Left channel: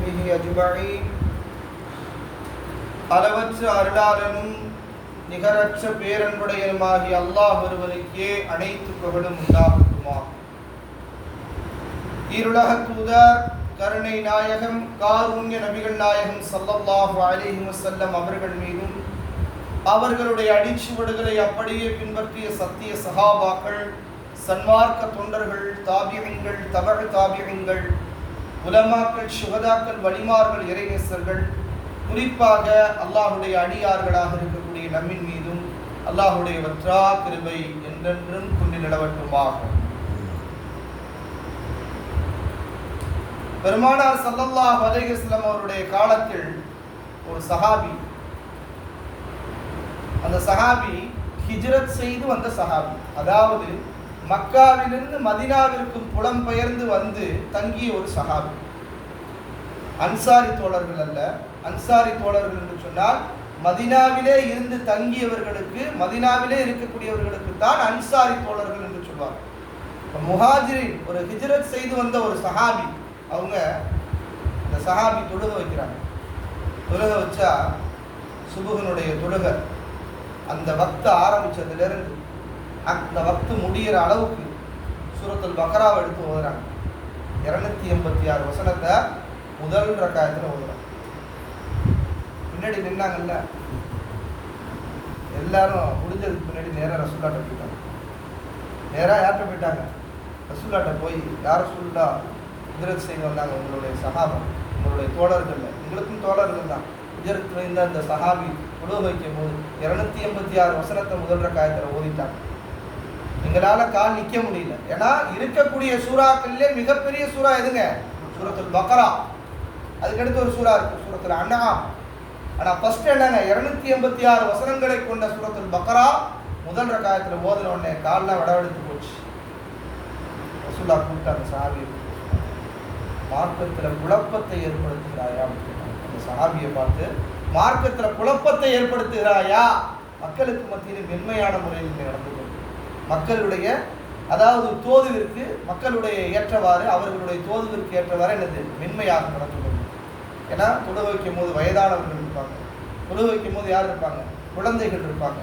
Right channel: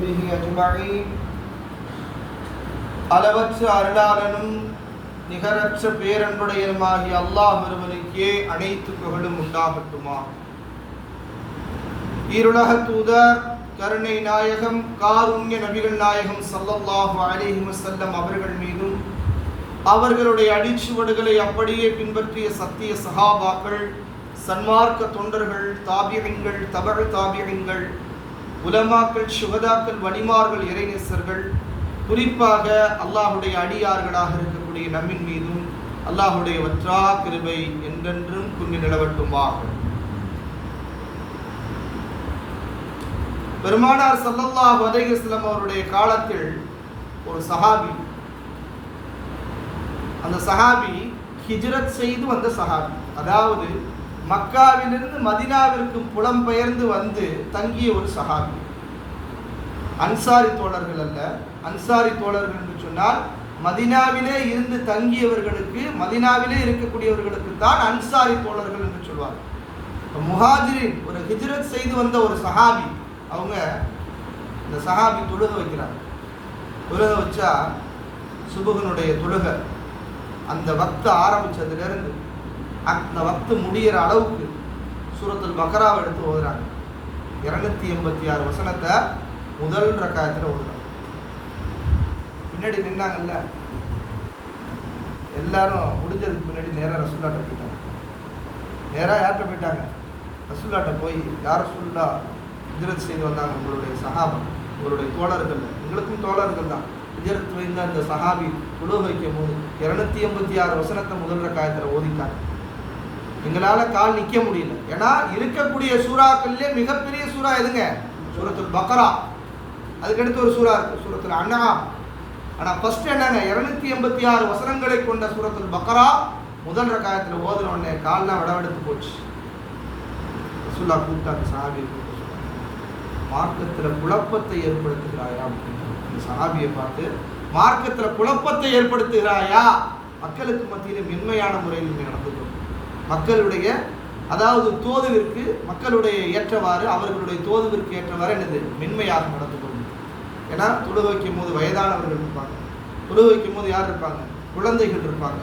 به அஜ்மாயின் அளவற்ற அருளாளனும் நிகரற்ற பேரன்புடையனுமாகிய அல்லாஹ் ஒருவனுக்கே அனைத்து புகழும் உண்டாகட்டுமா ஈருலக தூதர் கருணை நாயகம் காருண்ய நபிகள் நாயகம் சல்லல்லாஹு அலிஹி வசல்லம் அவர்கள் மீதும் அவர்களுடைய அடிச்சுவடுகளை அப்படியே பின்பற்றிய சத்திய சகாபாக்கள் சன்மார்க்க தொண்டர்கள் தாபியங்கள் தவறு தாபியங்கள் உலமாக்கள் சுகதாக்கள் வலிமார்கள் இறைநேசர்கள் குறிப்பாக அல்லாஹுடைய அடியார்களாக இருக்கக்கூடிய நம்மின் மீதும் அல்லாஹுடைய வற்றா கிருபை என்றென்றும் துணி நிலவட்டுமாக. பெருமானார் சல்லல்லா அலைஹி அவருடைய காலத்தில் ஒரு சஹாபி அந்த சஹாபி ஹிஜ்ரத் செய்து வந்த சஹாபி. அதாவது மக்காவிலிருந்து மதினாவிற்கு புலம்பெயர்ந்து வந்து தங்கிய ஒரு சஹாபி. அன்சாரி தோழர்கள் அல்ல. அன்சாரி தோழர்கள் என்று சொன்னால் மதினாவிலே இருந்து தங்கியவர்களுக்கு மதினாவிலே இருக்கக்கூடியவர்களுக்கு தான் அன்சாரி தோழர்கள் என்று சொல்வார் முஹாஜிரின் ஒரு ஹிஜ்ரத் செய்து வந்த ஒரு சஹாபி அவங்க அந்த சஹாபி தொழுக வைக்கிறாங்க. தொழுக வச்சா சுபுகனுடைய தொழுக அந்த பக்த ஆரம்பித்ததுலேருந்து அந்த வக்து முடிகிற அளவுக்கு சூரத்தில் பக்ராவை எடுத்து ஓதுறாங்க. இரநூத்தி எண்பத்தி ஆறு வசனத்தை முதல் ரக்காயத்தில் ஓதுறாங்க. பின்னாடி நின்னாங்கல்ல? எல்லாரும் முடிஞ்சதுக்கு முன்னாடி நேராக ரசூல்லாட்ட போயிட்டாங்க. நேராக யார்கிட்ட போயிட்டாங்க? ரசூல்லாட்ட போய் யார் ரசூல்லா? ஹிஜரத் செய்து வந்தாங்க உங்களுடைய சகாபம் உங்களுடைய தோழர்கள் உங்களுக்கும் தோழர்கள் தான். ஹிஜரத் வைந்த அந்த சஹாபி குழு வைக்கும் போது இரநூத்தி எண்பத்தி ஆறு வசனத்தை முதல் ரக்காயத்தில் ஓதிட்டாங்க. எங்களால் கால் நிற்க முடியல. ஏன்னா இருக்கக்கூடிய சூறாக்கள்லேயே மிகப்பெரிய சூறா எதுங்க? சூரத்துல் பக்ரா. அதுக்கடுத்து ஒரு சூறா இருக்குது சூரத்துல் அண்ணா ஆனால் ஃபஸ்ட் என்னங்க? இரநூத்தி எண்பத்தி ஆறு வசனங்களை கொண்ட சூரத்துல் பக்ரா முதல் ரகாயத்தில் ஓதுன உடனே கால்லாம் விடவெடுத்து போச்சு. ரசூல்லா கூப்பிட்டாங்க சஹாபியை கூப்பிட்டு மார்க்கத்தில் குழப்பத்தை ஏற்படுத்துகிறாயா அப்படின்னா அந்த சாபியை பார்த்து மார்க்கத்தில் குழப்பத்தை ஏற்படுத்துகிறாயா? மக்களுக்கு மத்தியில் மென்மையான முறையில் நீங்கள் நடந்து கொண்டு மக்களுடைய அதாவது தோதுவிற்கு மக்களுடைய ஏற்றவாறு அவர்களுடைய தோதுவிற்கு ஏற்றவாறு என்னது மென்மையாக நடந்து கொள்ளும். ஏன்னா தொழு வைக்கும் போது வயதானவர்கள் இருப்பாங்க. தொழு வைக்கும் போது யார் இருப்பாங்க? குழந்தைகள் இருப்பாங்க.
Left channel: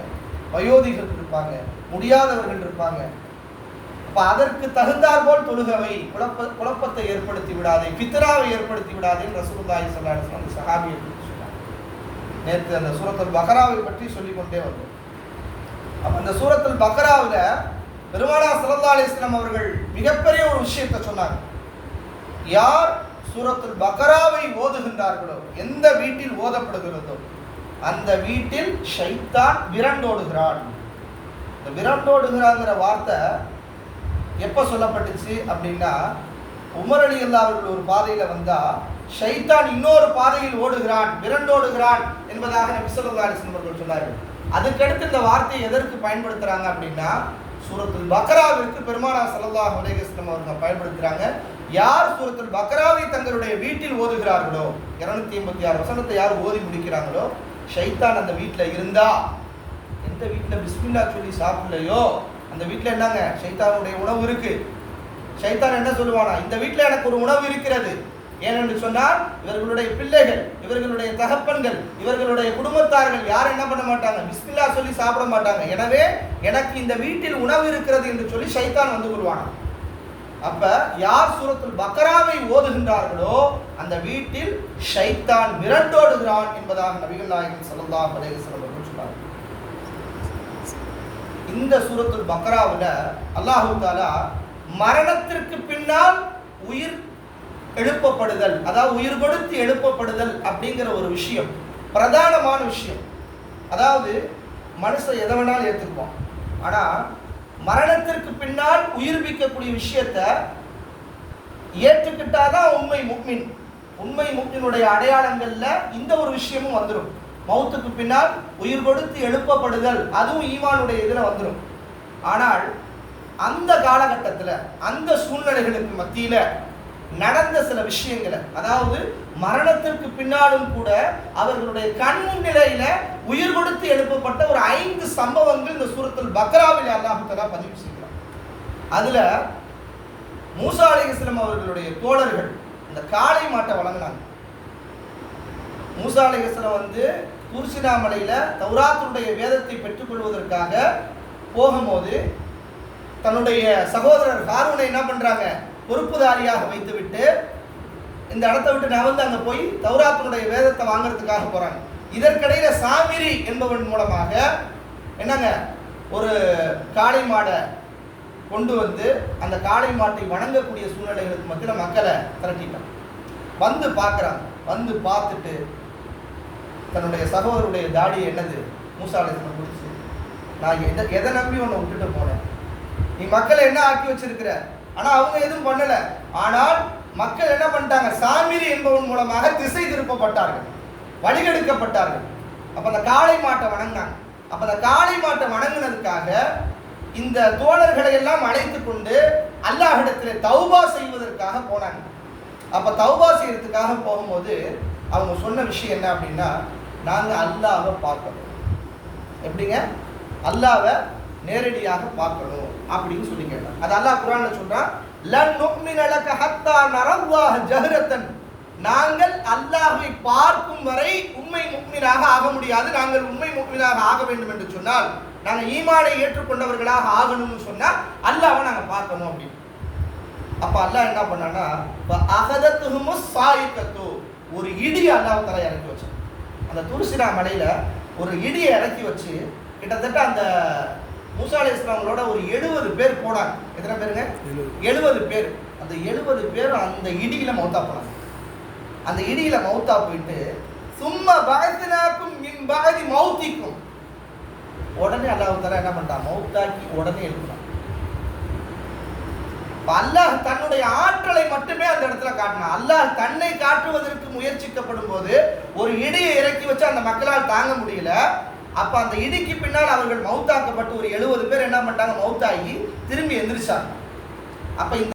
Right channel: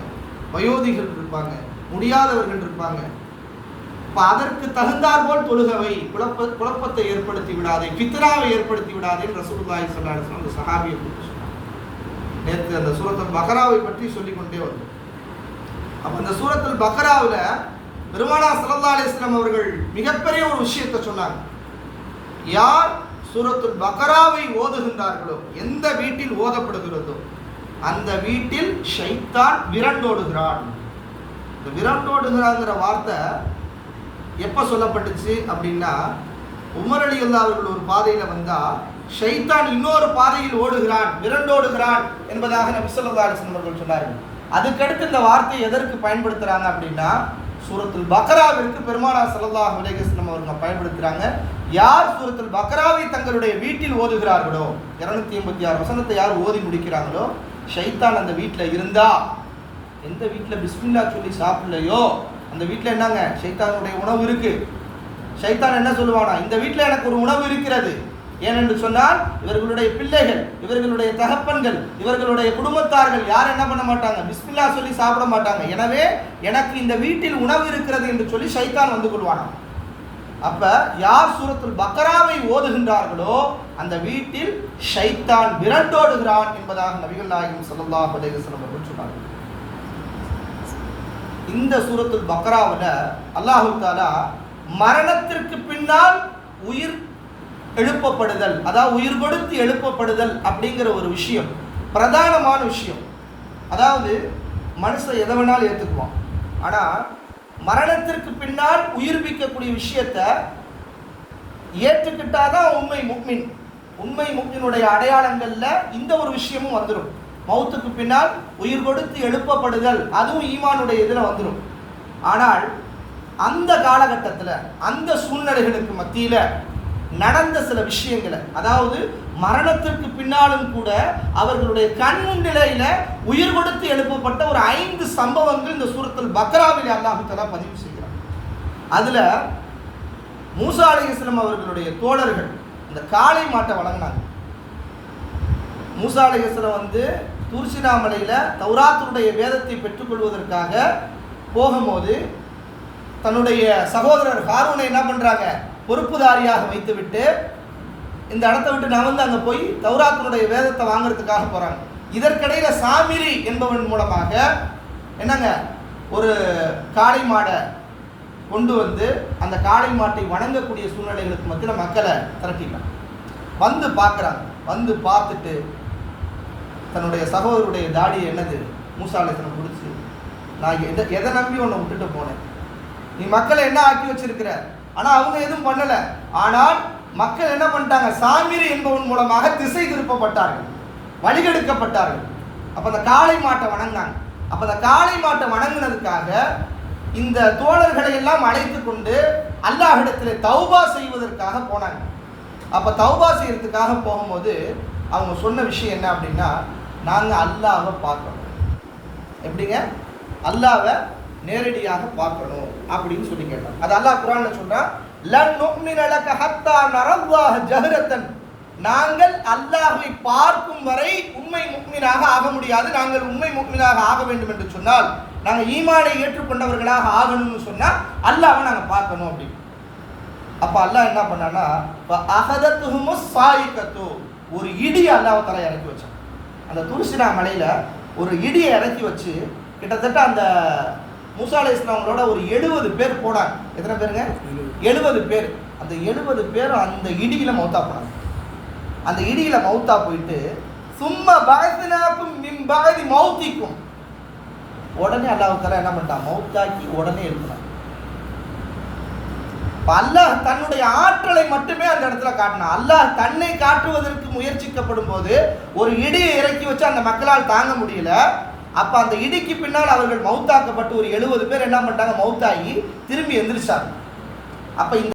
வயோதிகள் இருப்பாங்க. முடியாதவர்கள் இருப்பாங்க. அப்போ அதற்கு தகுந்தாற்போல் தொழுகவை குழப்ப குழப்பத்தை ஏற்படுத்தி விடாதே பித்ராவை ஏற்படுத்தி விடாதே ரசூலுல்லாஹி ஸல்லல்லாஹு அலைஹி சொன்ன அந்த சஹாபியை பற்றி சொன்னாங்க. நேற்று அந்த சுரத்தன் பஹராவை பற்றி சொல்லிக்கொண்டே வந்தோம். அப்போ அந்த சூரத்தில் பக்ராவில் பெருமானா ஸல்லல்லாஹு அவர்கள் மிகப்பெரிய ஒரு விஷயத்தை சொன்னாங்க. யார் சூரத்துல் பக்ராவை ஓதுகின்றார்களோ எந்த வீட்டில் ஓதப்படுகிறதோ அந்த வீட்டில் ஷைத்தான் விரண்டோடுகிறான். இந்த விரண்டோடுகிறாங்கிற வார்த்தை எப்போ சொல்லப்பட்டுச்சு அப்படின்னா உமர் அலி அல்லா அவர்கள் ஒரு பாதையில் வந்தால் ஷைத்தான் இன்னொரு பாதையில் ஓடுகிறான் விரண்டோடுகிறான் என்பதாக நபி ஸல்லல்லாஹு அவர்கள் சொன்னார்கள். அதுக்கடுத்து இந்த வார்த்தையை எதற்கு பயன்படுத்துகிறாங்க அப்படின்னா சூரத்துல் பக்ராவிற்கு பெருமானா சல்லா அலைஹி அவர்கள் அவங்க யார் சூரத்துல் பக்ராவை தங்களுடைய வீட்டில் ஓதுகிறார்களோ இருநூத்தி எண்பத்தி ஆறு வசனத்தை யார் ஓதி முடிக்கிறாங்களோ ஷைத்தான் அந்த வீட்டில் இருந்தா. எந்த வீட்டில்? பிஸ்மில்லா சொல்லி சாப்பிடலையோ? அந்த வீட்டில் என்னங்க? ஷைத்தானுடைய உணவு இருக்கு. ஷைத்தான் என்ன சொல்லுவானா? இந்த வீட்டில் எனக்கு ஒரு உணவு இருக்கிறது. ஏனென்று சொன்னால் இவர்களுடைய பிள்ளைகள் இவர்களுடைய தகப்பன்கள் இவர்களுடைய குடும்பத்தார்கள் யாரும் என்ன பண்ண மாட்டாங்க? பிஸ்மில்லா சொல்லி சாப்பிட மாட்டாங்க. எனவே எனக்கு இந்த வீட்டில் உணவு இருக்கிறது என்று சொல்லி ஷைத்தான் வந்து கொள்வானா அப்ப யார் சூரத்தில் பக்ராவை ஓதுகின்றார்களோ அந்த வீட்டில் ஷைத்தான் விரண்டோடுகிறான் என்பதாக நபிகள் நாயகம் ஸல்லல்லாஹு பதேகசனம் அவர்கள் சொன்னார்கள். இந்த சூரத்துல் பக்ராவில் அல்லாஹு தாலா மரணத்திற்கு பின்னால் உயிர் எழுப்பப்படுதல் அதாவது உயிர் கொடுத்து எழுப்பப்படுதல் அப்படிங்கிற ஒரு விஷயம் பிரதானமான விஷயம். அதாவது மனுஷன் எதை வேணாலும் ஏற்றுக்குவான் ஆனால் மரணத்திற்கு பின்னால் உயிர்ப்பிக்கக்கூடிய விஷயத்த ஏற்றுக்கிட்டாதான் உண்மை முக்மின். உண்மை முக்மினுடைய அடையாளங்களில் இந்த ஒரு விஷயமும் வந்துடும் மௌத்துக்கு பின்னால் உயிர் கொடுத்து எழுப்பப்படுதல் அதுவும் ஈமானுடைய இதில் வந்துடும் ஆனால் அந்த காலகட்டத்தில் அந்த சூழ்நிலைகளுக்கு மத்தியில் நடந்த சில விஷயங்களை. அதாவது மரணத்திற்கு பின்னாலும் கூட அவர்களுடைய கண் நிலையில உயிர் கொடுத்து எழுப்பப்பட்ட ஒரு ஐந்து சம்பவங்கள் இந்த சூரத்தில் பக்ராவில் அல்லாஹு பதிவு செய்கிறார். அதுல மூசா அலைஹிஸ்ஸலாம் அவர்களுடைய தோழர்கள் அந்த காளை மாட்டை வழங்கினாங்க மூசா அலைஹிஸ்ஸலாம் வந்து தூர்சினா மலையில வேதத்தை பெற்றுக்கொள்வதற்காக போகும்போது தன்னுடைய சகோதரர் ஹாரூனை என்ன பண்றாங்க? பொறுப்புதாரியாக வைத்துவிட்டு இந்த இடத்த விட்டு நகர்ந்து அங்கே போய் தௌராத்தினுடைய வேதத்தை வாங்குறதுக்காக போகிறாங்க இதற்கிடையில் சாமிரி என்பவன் மூலமாக என்னங்க? ஒரு காளை மாடை கொண்டு வந்து அந்த காளை மாட்டை வணங்கக்கூடிய சூழ்நிலைகளுக்கு மத்தியில் மக்களை திரட்டிட்டான். வந்து பார்க்குறாங்க. வந்து பார்த்துட்டு தன்னுடைய சகோதரருடைய தாடி என்னது? மூசாலயத்தில் முடிச்சு நான் எதை எதை நம்பி உன்னை விட்டுட்டு போனேன்? நீ மக்களை என்ன ஆக்கி வச்சிருக்கிற? ஆனால் அவங்க எதுவும் பண்ணலை. ஆனால் மக்கள் என்ன பண்ணிட்டாங்க? சாமிரி என்பவன் மூலமாக திசை திருப்பப்பட்டார்கள். வழிகெடுக்கப்பட்டார்கள். அப்போ அந்த காளை மாட்டை வணங்கினாங்க. அப்போ அந்த காளை மாட்டை வணங்கினதுக்காக இந்த தோழர்களை எல்லாம் அழைத்து கொண்டு அல்லாஹிடத்தில் தௌபா செய்வதற்காக போனாங்க. அப்போ தௌபா செய்யறதுக்காக போகும்போது அவங்க சொன்ன விஷயம் என்ன அப்படின்னா நாங்கள் அல்லாவை பார்க்கணும். எப்படிங்க? அல்லாவை நேரடியாக பார்க்கணும் அப்படின்னு சொல்லி கேட்டார். அது அல்லாஹ் குரான்ல சொன்னா லன் நுஃமின ஹத்தா நரல்லாஹ ஜஹரத்தன். நாங்கள் அல்லாஹை பார்க்கும் வரை உண்மை முக்மினாக ஆக முடியாது. நாங்கள் உண்மை முக்மினாக ஆக வேண்டும் என்று சொன்னால் நாங்கள் ஈமானை ஏற்றுக்கொண்டவர்களாக ஆகணும்னு சொன்னால் அல்லாவை நாங்கள் பார்க்கணும் அப்படின்னு அப்போ அல்லாஹ் என்ன பண்ணான்னா அகதத்துஹுமு சாயிக்கத்து ஒரு இடி அல்லாஹ் தலை இறக்கி வச்சான். அந்த துருசினா மலையில் ஒரு இடியை இறக்கி வச்சு கிட்டத்தட்ட அந்த மூசா அலை இஸ்லாமங்களோட ஒரு எழுபது பேர் போனாங்க. எத்தனை பேருங்க? எழுபது. பேர். அந்த எழுபது பேரும் அந்த இடியில மௌத்தா போனாங்க. அந்த இடியில மௌத்தா போயிட்டு சும்மா பகத்தினாக்கும் மின் பகதி மௌத்திக்கும். உடனே அல்லாஹ் தலா என்ன பண்ணிட்டான்? மௌத்தாக்கி உடனே எழுப்பினான். இப்ப அல்லாஹ் தன்னுடைய ஆற்றலை மட்டுமே அந்த இடத்துல காட்டினான். அல்லாஹ் தன்னை காட்டுவதற்கு முயற்சிக்கப்படும் போது ஒரு இடியை இறக்கி வச்சு அந்த மக்களால் தாங்க முடியல. அப்ப அந்த இடிக்கு பின்னால் அவர்கள் மவுத்தாக்கப்பட்டு ஒரு எழுபது பேர் என்ன பண்ணிட்டாங்க? மௌத்தாகி திரும்பி எந்திரிச்சாங்க. அப்ப இந்த